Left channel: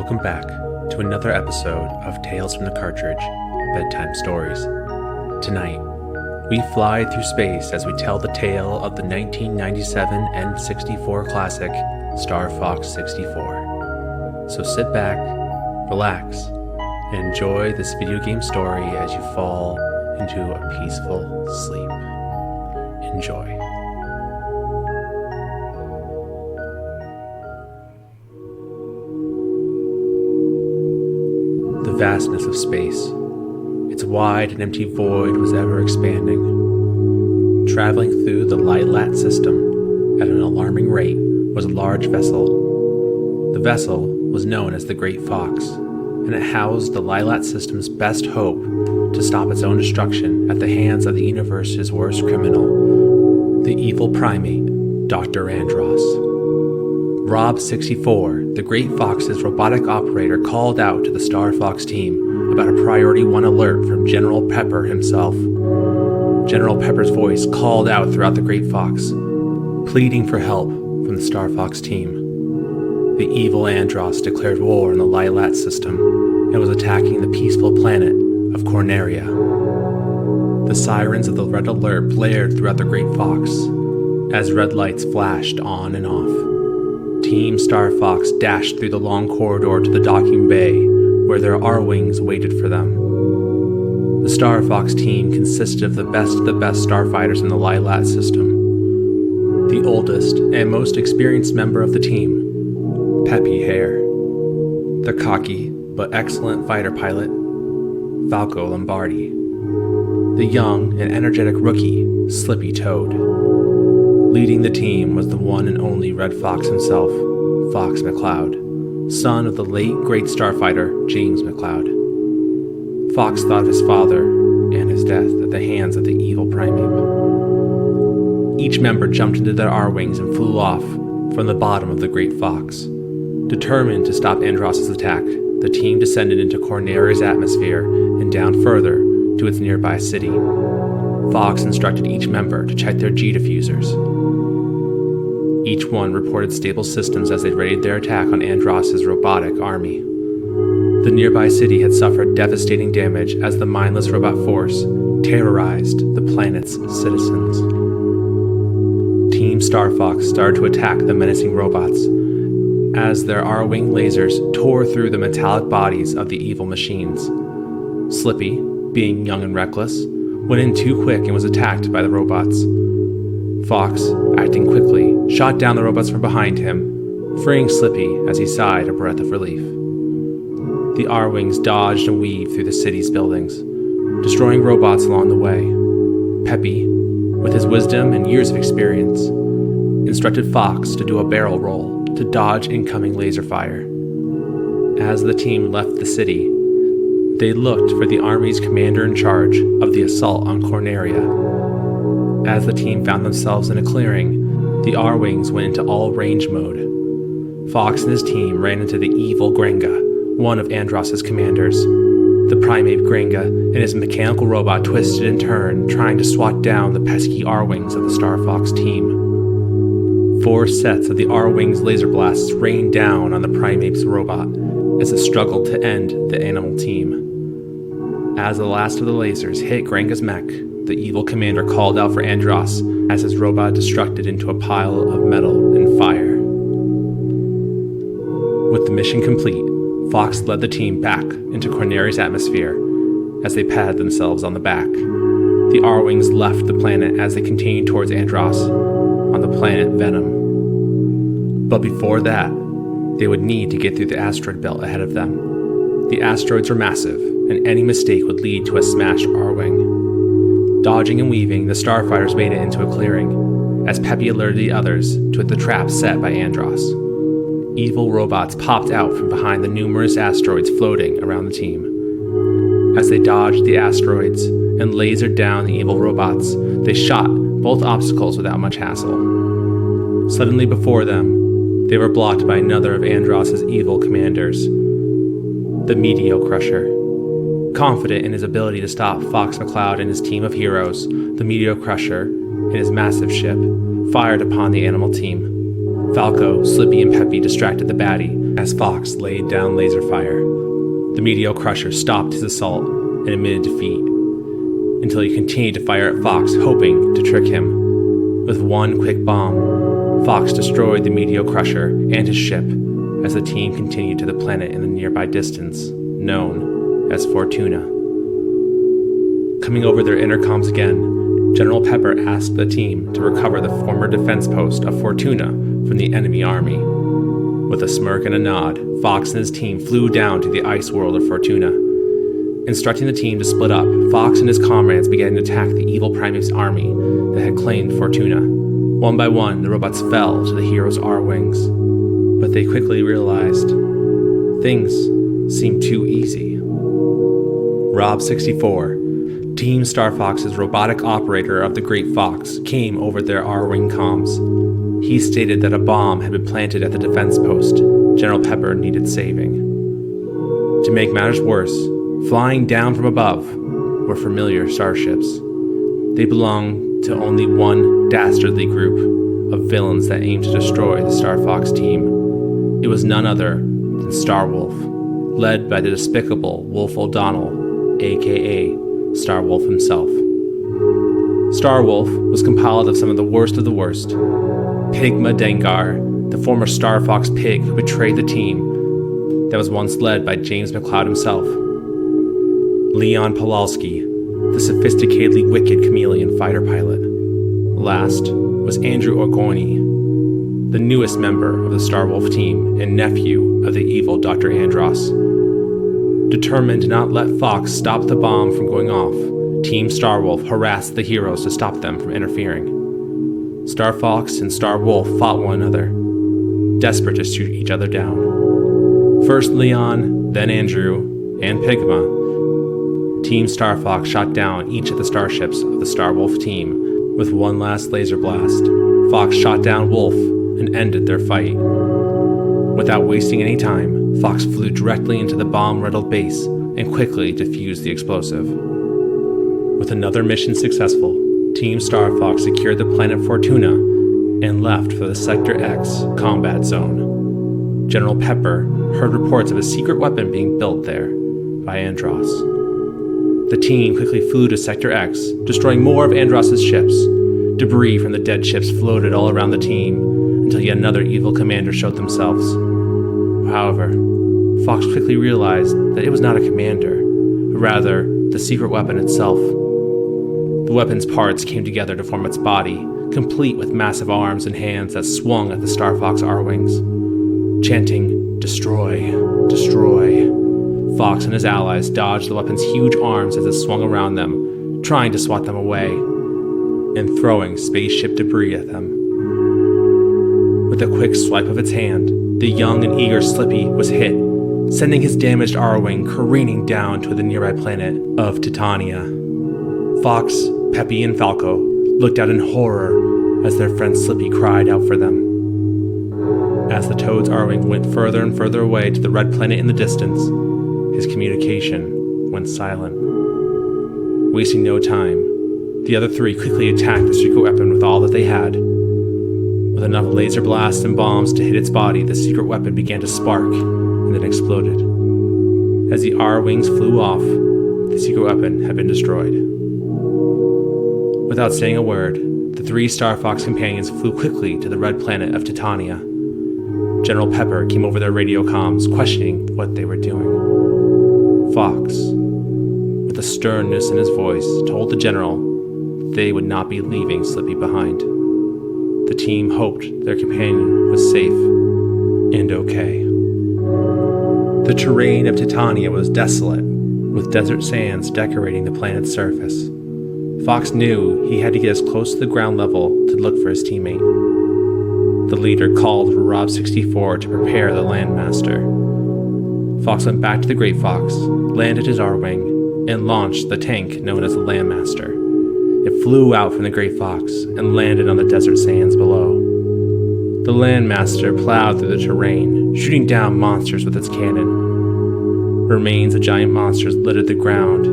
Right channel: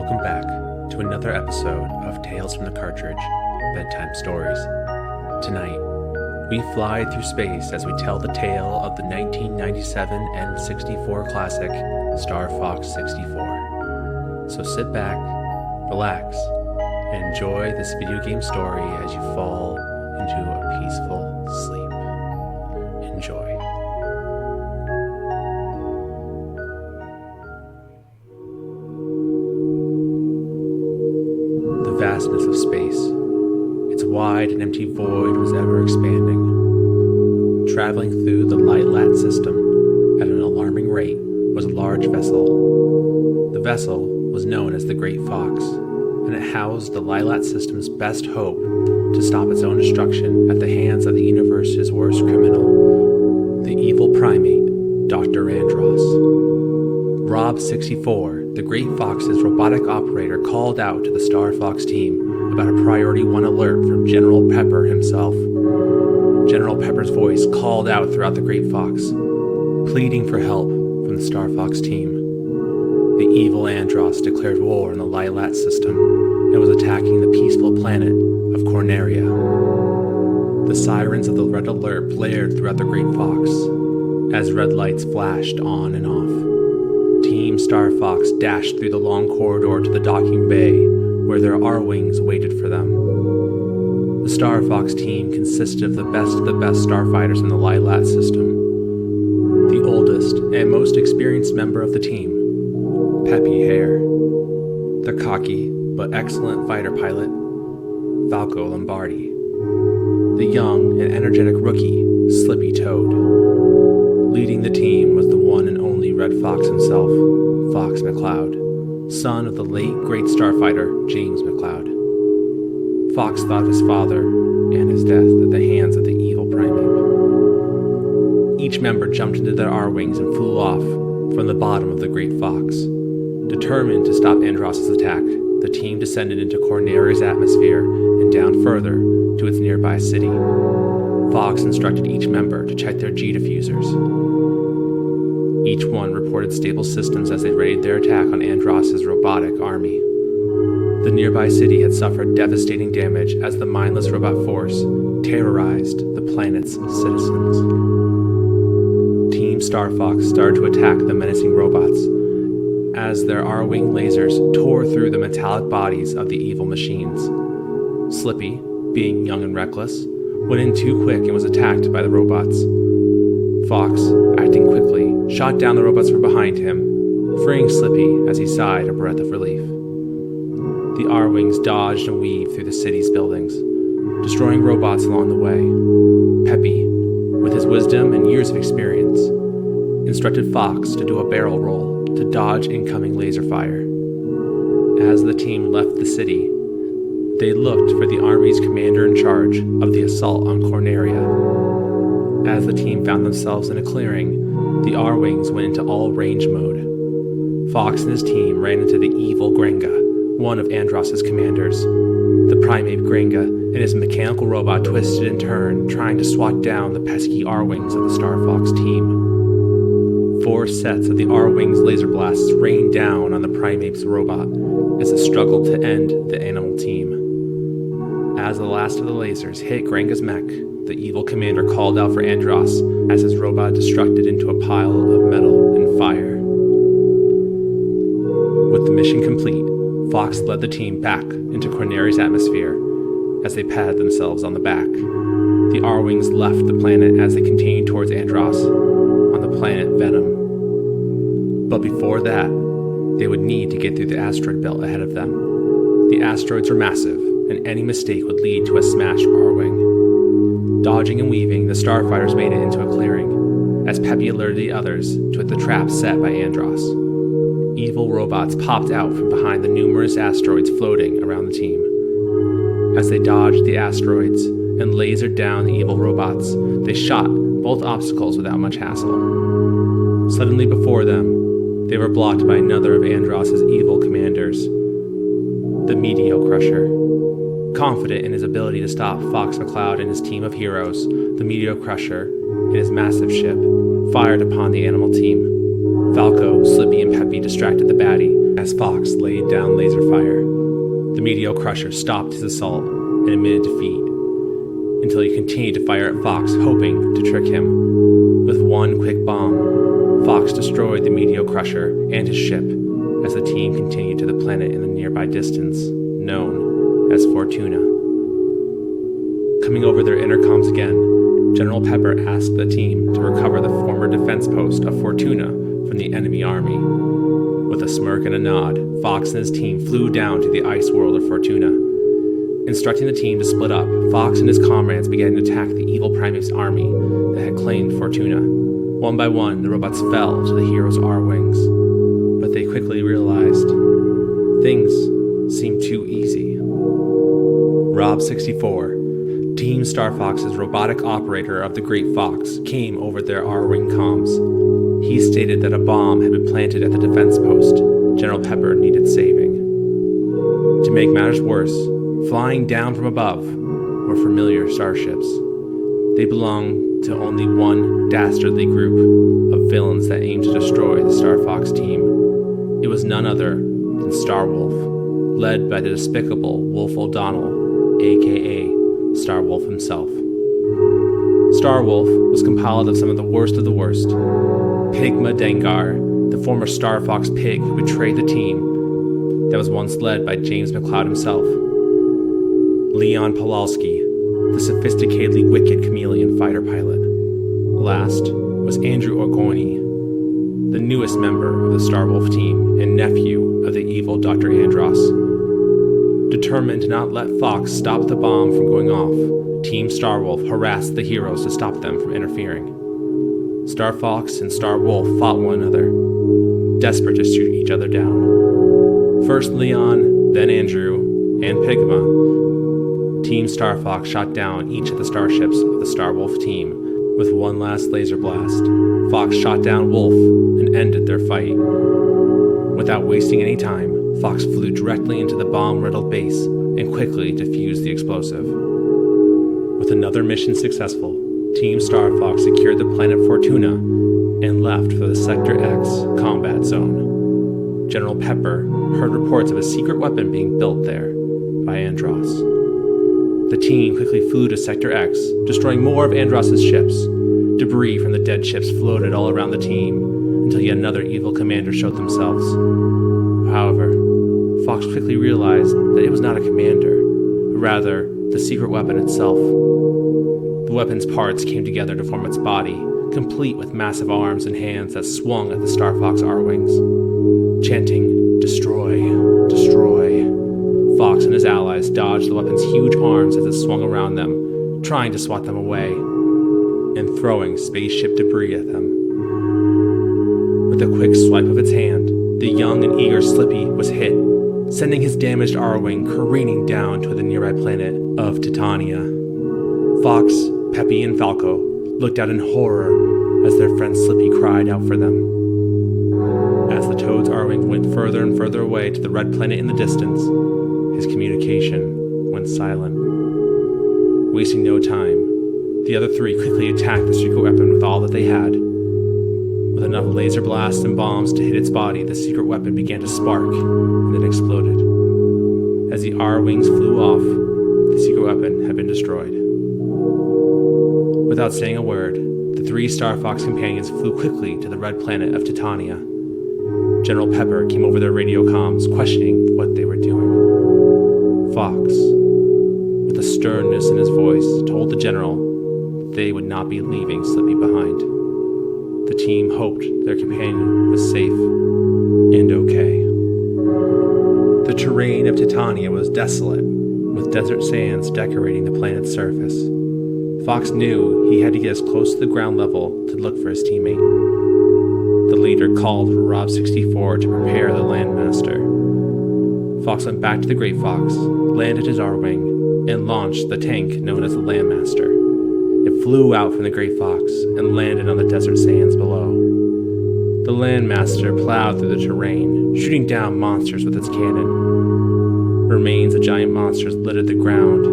Welcome back to another episode of Tales from the Cartridge, Bedtime Stories. Tonight, we fly through space as we tell the tale of the 1997 N64 classic, Star Fox 64. So sit back, relax, and enjoy this video game story as you fall into a peaceful sleep. Enjoy. The vastness of space. Its wide and empty void was ever expanding. Traveling through the Lylat System at an alarming rate was a large vessel. The vessel was known as the Great Fox, and it housed the Lylat System's best hope to stop its own destruction at the hands of the universe's worst criminal, the evil primate, Dr. Andross. Rob 64, the Great Fox's robotic operator, called out to the Star Fox team about a Priority 1 alert from General Pepper himself. General Pepper's voice called out throughout the Great Fox, pleading for help from the Star Fox team. The evil Andross declared war on the Lylat System and was attacking the peaceful planet of Corneria. The sirens of the Red Alert blared throughout the Great Fox as red lights flashed on and off. Team Star Fox dashed through the long corridor to the docking bay where their R-Wings waited for them. The Star Fox team consisted of the best starfighters in the Lylat System. The oldest and most experienced member of the team, Peppy Hare. The cocky but excellent fighter pilot, Falco Lombardi. The young and energetic rookie, Slippy Toad. Leading the team was the one and only Red Fox himself, Fox McCloud, son of the late great starfighter James McCloud. Fox thought of his father and his death at the hands of the evil primate. Each member jumped into their R-Wings and flew off from the bottom of the Great Fox. Determined to stop Andross's attack, the team descended into Corneria's atmosphere and down further to its nearby city. Fox instructed each member to check their G diffusers. Each one reported stable systems as they readied their attack on Andross's robotic army. The nearby city had suffered devastating damage as the mindless robot force terrorized the planet's citizens. Team Star Fox started to attack the menacing robots as their R-Wing lasers tore through the metallic bodies of the evil machines. Slippy, being young and reckless, went in too quick and was attacked by the robots. Fox, acting quickly, shot down the robots from behind him, freeing Slippy as he sighed a breath of relief. The R-Wings dodged and weaved through the city's buildings, destroying robots along the way. Peppy, with his wisdom and years of experience, instructed Fox to do a barrel roll to dodge incoming laser fire. As the team left the city, they looked for the Army's commander in charge of the assault on Corneria. As the team found themselves in a clearing, the R-Wings went into all-range mode. Fox and his team ran into the evil Grenga, one of Andross's commanders. The primate Grenga and his mechanical robot twisted and turned, trying to swat down the pesky R-Wings of the Star Fox team. 4 sets of the R-Wings laser blasts rained down on the primate's robot as it struggled to end the animal team. As the last of the lasers hit Grenga's mech, the evil commander called out for Andross as his robot destructed into a pile of metal and fire. With the mission complete, Fox led the team back into Corneria's atmosphere as they patted themselves on the back. The R-Wings left the planet as they continued towards Andross on the planet Venom. But before that, they would need to get through the asteroid belt ahead of them. The asteroids were massive, and any mistake would lead to a smashed R-Wing. Dodging and weaving, the starfighters made it into a clearing, as Peppy alerted the others to the trap set by Andross. Evil robots popped out from behind the numerous asteroids floating around the team. As they dodged the asteroids and lasered down the evil robots, they shot both obstacles without much hassle. Suddenly before them, they were blocked by another of Andross's evil commanders, the Meteor Crusher. Confident in his ability to stop Fox McCloud and his team of heroes, the Meteor Crusher, in his massive ship, fired upon the animal team. Falco, Slippy, and Peppy distracted the baddie as Fox laid down laser fire. The Meteor Crusher stopped his assault and admitted defeat, until he continued to fire at Fox, hoping to trick him. With one quick bomb, Fox destroyed the Meteor Crusher and his ship as the team continued to the planet in the nearby distance, known as Fortuna. Coming over their intercoms again, General Pepper asked the team to recover the former defense post of Fortuna from the enemy army. With a smirk and a nod, Fox and his team flew down to the ice world of Fortuna. Instructing the team to split up, Fox and his comrades began to attack the evil Primate's army that had claimed Fortuna. One by one, the robots fell to the heroes' R-wings, but they quickly realized things seemed too easy. Rob 64, Team Star Fox's robotic operator of the Great Fox, came over their R-wing comms. He stated that a bomb had been planted at the defense post General Pepper needed saving. To make matters worse, flying down from above were familiar starships. They belonged to only one dastardly group of villains that aimed to destroy the Star Fox team. It was none other than Starwolf, led by the despicable Wolf O'Donnell, aka Starwolf himself. Starwolf was compiled of some of the worst, Pigma Dengar, the former Star Fox pig who betrayed the team that was once led by James McCloud himself. Leon Pawlowski, the sophisticatedly wicked chameleon fighter pilot. Last was Andrew Orgoni, the newest member of the Starwolf team and nephew of the evil Dr. Andross. Determined to not let Fox stop the bomb from going off, Team Starwolf harassed the heroes to stop them from interfering. Star Fox and Star Wolf fought one another, desperate to shoot each other down. First Leon, then Andrew, and Pigma. Team Star Fox shot down each of the starships of the Starwolf team with one last laser blast. Fox shot down Wolf and ended their fight. Without wasting any time, Fox flew directly into the bomb-riddled base and quickly defused the explosive. With another mission successful, Team Star Fox secured the planet Fortuna and left for the Sector X combat zone. General Pepper heard reports of a secret weapon being built there by Andross. The team quickly flew to Sector X, destroying more of Andross's ships. Debris from the dead ships floated all around the team until yet another evil commander showed themselves. However, Fox quickly realized that it was not a commander, but rather the secret weapon itself. The weapon's parts came together to form its body, complete with massive arms and hands that swung at the Star Fox R-wings. Chanting, "Destroy, destroy," Fox and his allies dodged the weapon's huge arms as it swung around them, trying to swat them away, and throwing spaceship debris at them. With a quick swipe of its hand, the young and eager Slippy was hit, sending his damaged R-wing careening down to the nearby planet of Titania. Fox, Peppy, and Falco looked out in horror as their friend Slippy cried out for them. As the Toad's R-wing went further and further away to the red planet in the distance, his communication went silent. Wasting no time, the other three quickly attacked the secret weapon with all that they had. With enough laser blasts and bombs to hit its body, the secret weapon began to spark and then exploded. As the R-wings flew off, the secret weapon had been destroyed. Without saying a word, the three Star Fox companions flew quickly to the red planet of Titania. General Pepper came over their radio comms, questioning what they were doing. Fox, with a sternness in his voice, told the general they would not be leaving Slippy behind. The team hoped their companion was safe and okay. The terrain of Titania was desolate, with desert sands decorating the planet's surface. Fox knew he had to get as close to the ground level to look for his teammate. The leader called for Rob 64 to prepare the Landmaster. Fox went back to the Great Fox, landed his R-wing, and launched the tank known as the Landmaster. It flew out from the Great Fox and landed on the desert sands below. The Landmaster plowed through the terrain, shooting down monsters with its cannon. Remains of giant monsters littered the ground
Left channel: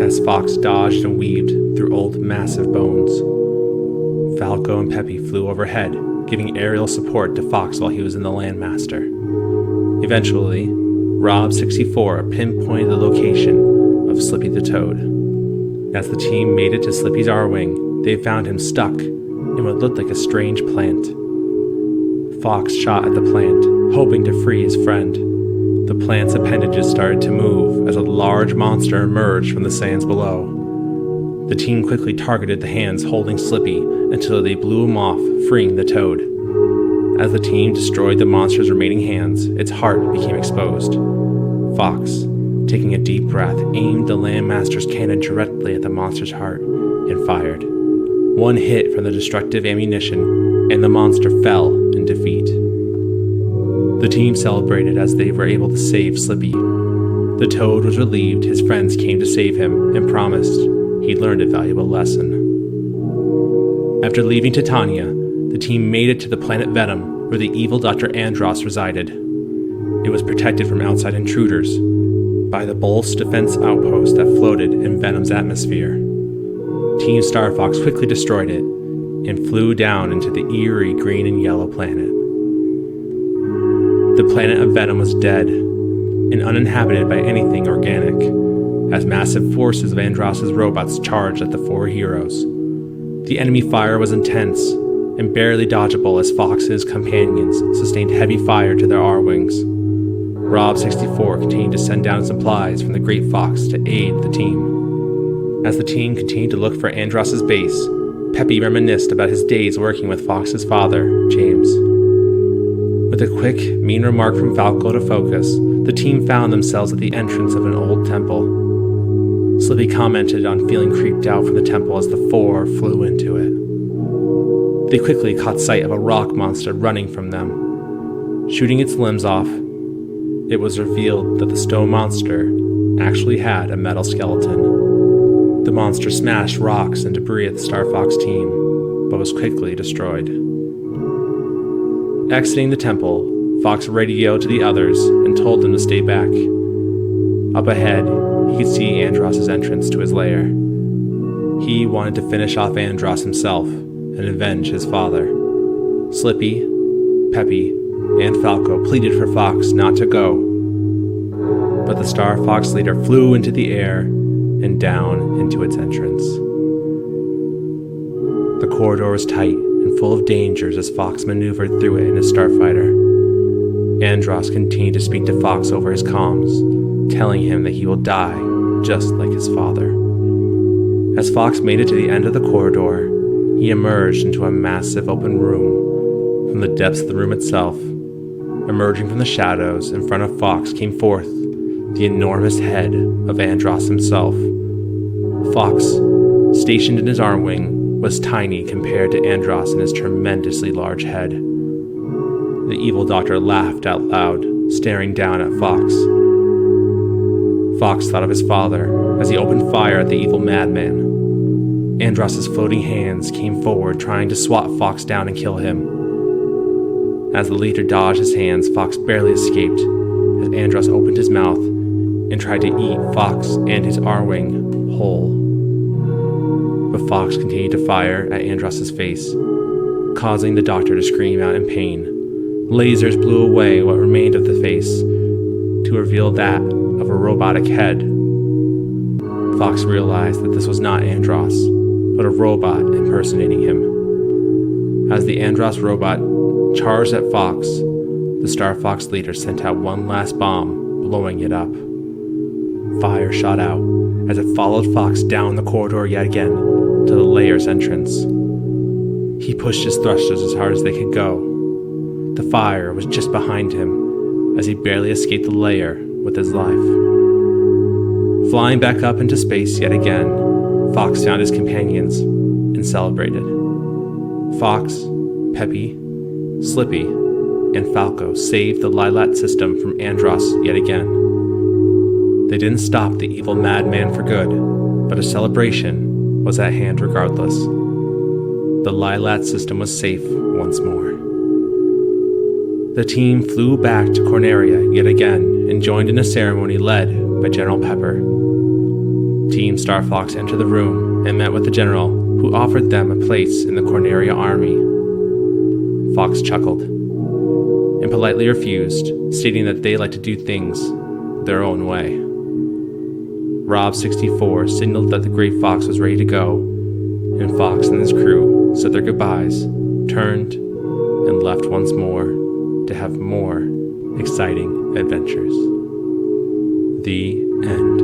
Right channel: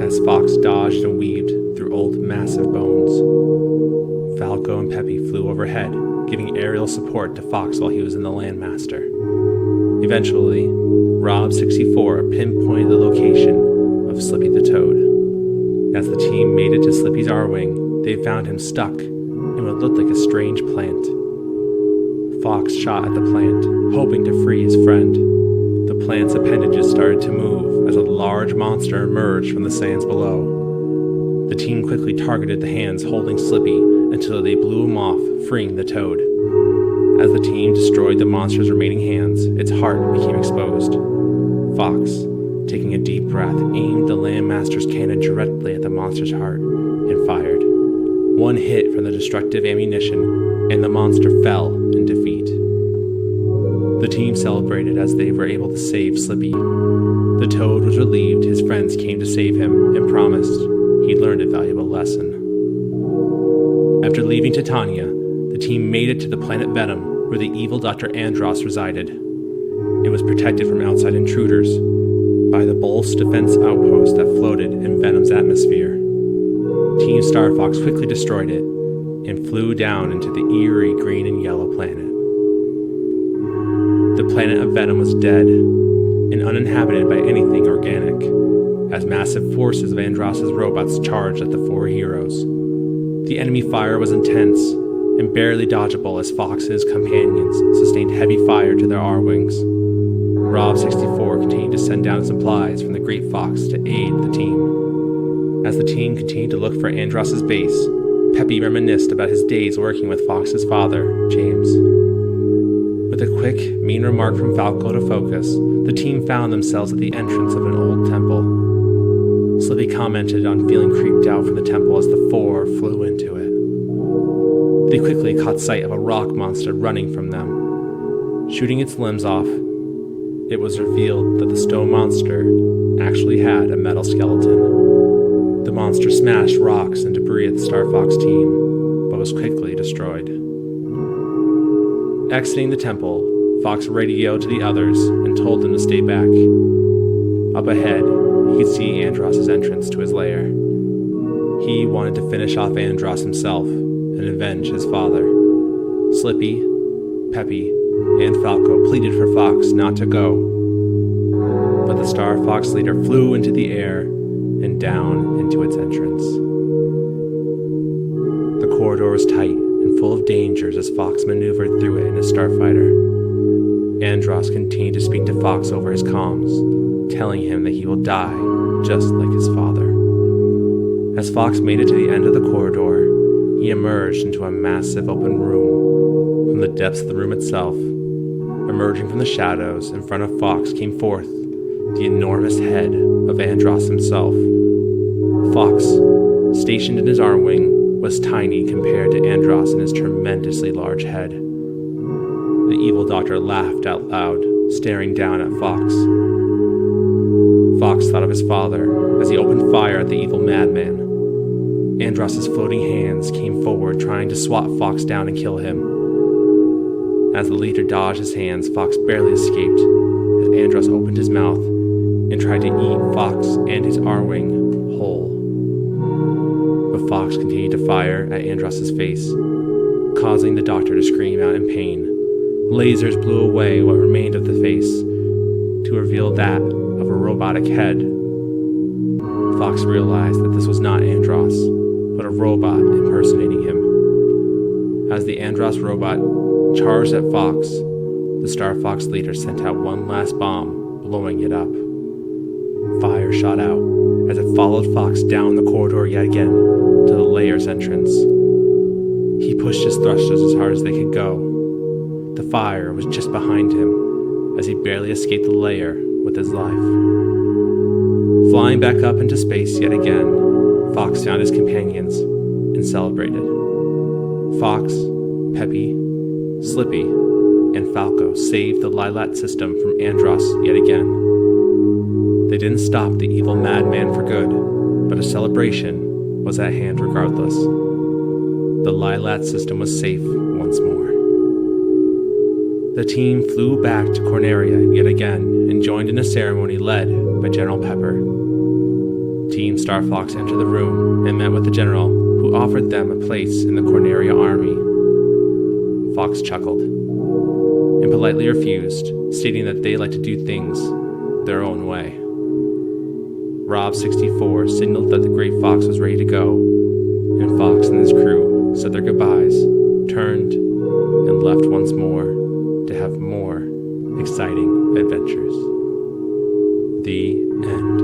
as Fox dodged and weaved through old massive bones. Falco and Peppy flew overhead, giving aerial support to Fox while he was in the Landmaster. Eventually, Rob 64 pinpointed the location of Slippy the Toad. As the team made it to Slippy's R-Wing, they found him stuck in what looked like a strange plant. Fox shot at the plant, hoping to free his friend. The plant's appendages started to move as a large monster emerged from the sands below. The team quickly targeted the hands holding Slippy until they blew him off, freeing the toad. As the team destroyed the monster's remaining hands, its heart became exposed. Fox, taking a deep breath, aimed the Landmaster's cannon directly at the monster's heart and fired. One hit from the destructive ammunition, and the monster fell in defeat. The team celebrated as they were able to save Slippy. The toad was relieved his friends came to save him and promised he'd learned a valuable lesson. After leaving Titania, the team made it to the planet Venom, where the evil Dr. Andross resided. It was protected from outside intruders by the Bolt's defense outpost that floated in Venom's atmosphere. Team Star Fox quickly destroyed it and flew down into the eerie green and yellow planet. The planet of Venom was dead and uninhabited by anything organic, as massive forces of Andross's robots charged at the four heroes. The enemy fire was intense and barely dodgeable as Fox and his companions sustained heavy fire to their R-Wings. Rob 64 continued to send down supplies from the Great Fox to aid the team. As the team continued to look for Andross's base, Peppy reminisced about his days working with Fox's father, James. With a quick, mean remark from Falco to focus, the team found themselves at the entrance of an old temple. Slippy commented on feeling creeped out from the temple as the four flew into it. They quickly caught sight of a rock monster running from them. Shooting its limbs off, it was revealed that the stone monster actually had a metal skeleton. The monster smashed rocks and debris at the Star Fox team, but was quickly destroyed. Exiting the temple, Fox radioed to the others and told them to stay back. Up ahead, he could see Andross's entrance to his lair. He wanted to finish off Andross himself and avenge his father. Slippy, Peppy, and Falco pleaded for Fox not to go, but the Star Fox leader flew into the air and down into its entrance. The corridor was tight and full of dangers as Fox maneuvered through it in his starfighter. Andross continued to speak to Fox over his comms, telling him that he will die just like his father. As Fox made it to the end of the corridor, he emerged into a massive open room. From the depths of the room itself, emerging from the shadows in front of Fox, came forth the enormous head of Andross himself. Fox, stationed in his arm-wing, was tiny compared to Andross and his tremendously large head. The evil doctor laughed out loud, staring down at Fox. Fox thought of his father as he opened fire at the evil madman. Andross's floating hands came forward, trying to swat Fox down and kill him. As the leader dodged his hands, Fox barely escaped as Andross opened his mouth and tried to eat Fox and his R-Wing whole. But Fox continued to fire at Andross's face, causing the doctor to scream out in pain. Lasers blew away what remained of the face to reveal that of a robotic head. Fox realized that this was not Andross, but a robot impersonating him. As the Andross robot charged at Fox, the Star Fox leader sent out one last bomb, blowing it up. Fire shot out as it followed Fox down the corridor yet again to the lair's entrance. He pushed his thrusters as hard as they could go. The fire was just behind him as he barely escaped the lair with his life. Flying back up into space yet again, Fox found his companions and celebrated. Fox, Peppy, Slippy, and Falco saved the Lylat System from Andross yet again. They didn't stop the evil madman for good, but a celebration was at hand regardless. The Lylat System was safe once more. The team flew back to Corneria yet again and joined in a ceremony led by General Pepper. Team Star Fox entered the room and met with the general, who offered them a place in the Corneria army. Fox chuckled and politely refused, stating that they like to do things their own way. Rob 64 signaled that the Great Fox was ready to go, and Fox and his crew said their goodbyes, turned, and left once more to have more exciting adventures. The end.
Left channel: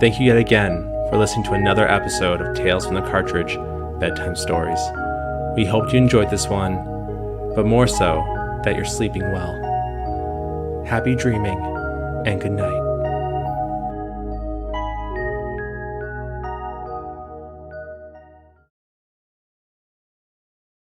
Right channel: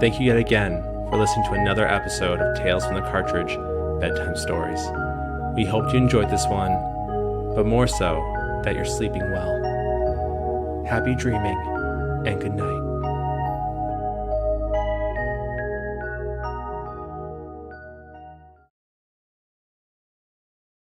Thank you yet again for listening to another episode of Tales from the Cartridge Bedtime Stories. We hope you enjoyed this one, but more so that you're sleeping well. Happy dreaming and good night.